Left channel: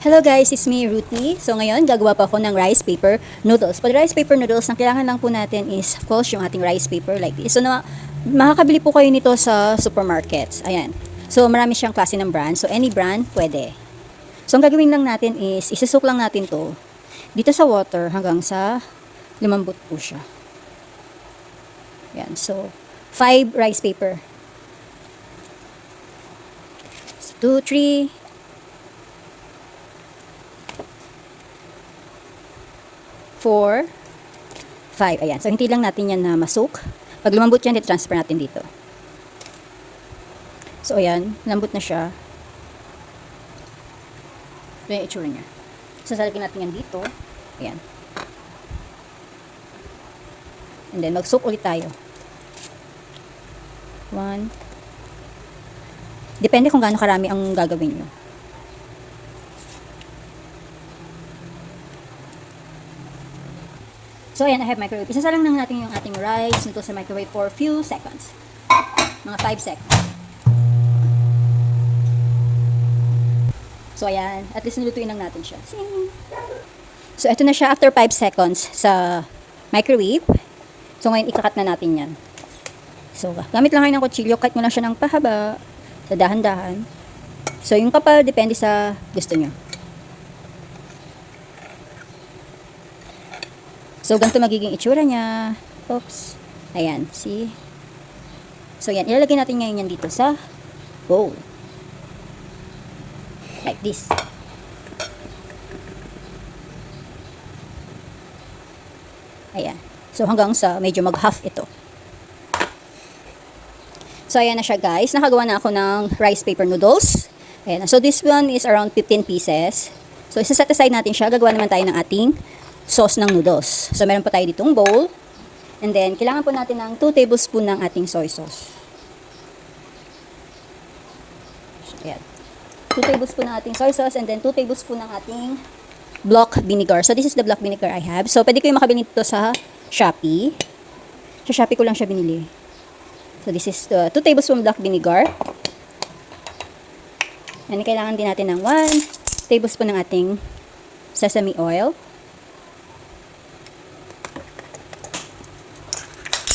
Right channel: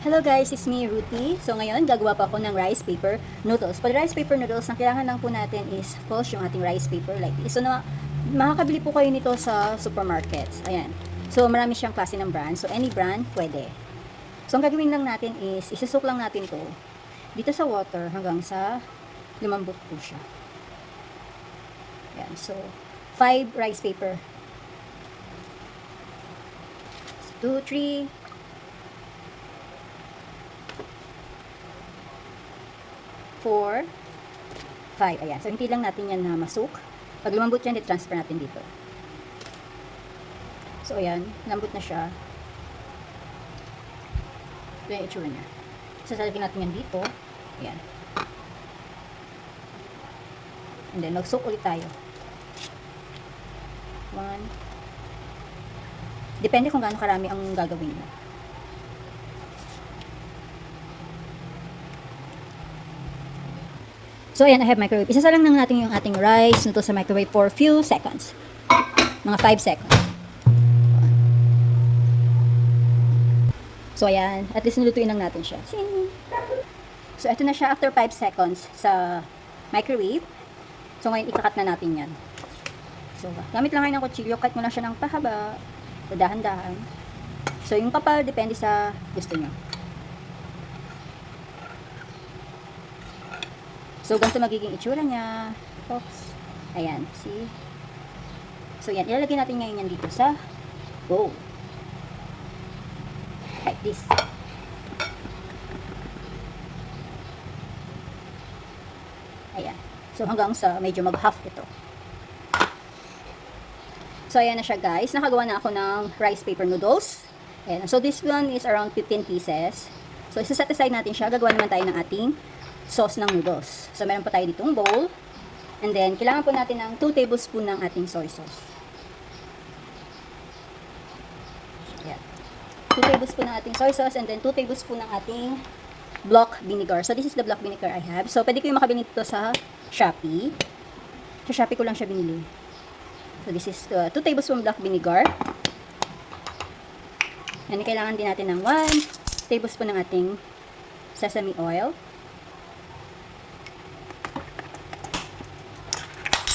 Hello guys, it's me, Ruthie. So ngayon, gagawa pa ako ng rice paper noodles. Pag rice paper noodles, ang kailangan lang po natin is, of course, yung ating rice paper like this. So makakabili po kayo nito sa supermarkets. Ayan. So marami siyang klase ng brand. So any brand, pwede. So ang gagawin lang natin is, isisok lang natin to dito sa water hanggang sa lumambot po siya. Ayan. So 5 rice paper. 2, 3, 4, 5. Ayan. So, hindi lang natin yan na masok. Pag lumambot yan, i-transfer natin dito. So, ayan. Lambot na siya. Ito yung itsura niya. So, salagin natin yan dito. Ayan. And then, mag-soak ulit tayo. 1. Depende kung gaano karami ang gagawin nyo. So, ayan, I have microwave. Isasalang lang natin yung ating rice nito sa microwave for few seconds. Mga 5 seconds. So, ayan. At least nilutuin lang natin siya. So, ito na siya after 5 seconds sa microwave. So, ngayon, ikakat na natin yan. So, gamit lang kayo ng kutsilyo. Cut mo lang siya ng pahaba. So, dahan-dahan. So, yung kapal, depende sa gusto nyo. So, ganito magiging itsura niya. Oops. Ayan, see? So, yan. Ilalagay natin ngayon yan dito sa bowl. Like this. Ayan. So, hanggang sa medyo mag-half ito. So, ayan na siya guys. Nakagawa na ako ng rice paper noodles. Ayan. So, this one is around 15 pieces. So, isa-set aside natin siya. Gagawa naman tayo ng ating sauce ng noodles. So, meron pa tayo ditong bowl. And then, kailangan po natin ng 2 tablespoon ng ating soy sauce. Ayan. 2 tablespoon ng ating soy sauce and then 2 tablespoon ng ating block vinegar. So, this is the block vinegar I have. So, pwede ko yung makabili nito sa Shopee. Sa Shopee ko lang siya binili. So, this is 2 tablespoon block vinegar. And kailangan din natin ng 1 tablespoon ng ating sesame oil.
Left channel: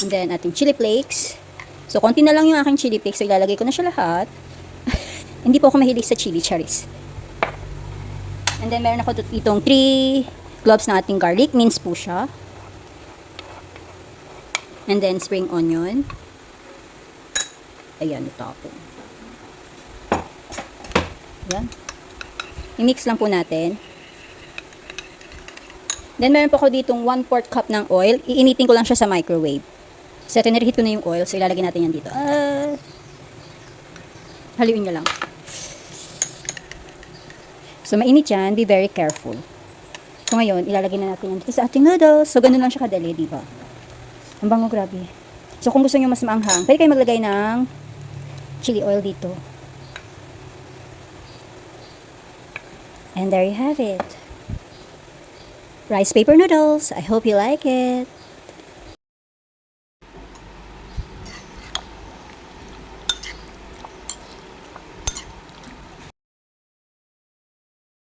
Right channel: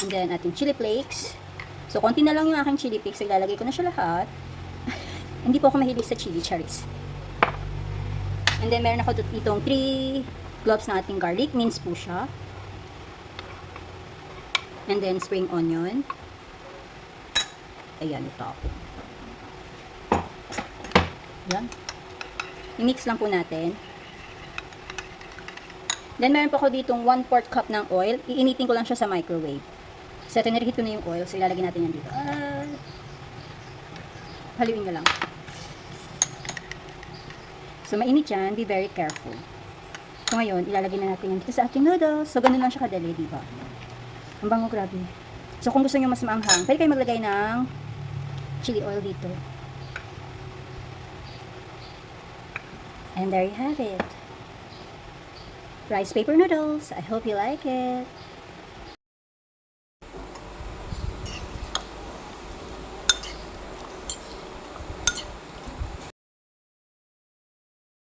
And then, ating chili flakes. So, konti na lang yung aking chili flakes. So, ilalagay ko na siya lahat. Hindi po ako mahilig sa chili cherries. And then, meron ako itong 3 cloves ng ating garlic. Minced po siya. And then, spring onion. Ayan, ito ako. Ayan. I-mix lang po natin. Then, meron po ako ditong 1/4 cup ng oil. Iinitin ko lang siya sa microwave. So, tinirehit ko na yung oil. So, ilalagay natin yan dito. Haluin nyo lang. So, mainit yan. Be very careful. So, ngayon, ilalagay na natin yan dito sa ating noodles. So, ganun lang siya kadali, diba? Ang bango, grabe. So, kung gusto nyo mas maanghang, pwede kayo maglagay ng chili oil dito. And there you have it. Rice paper noodles. I hope you like it.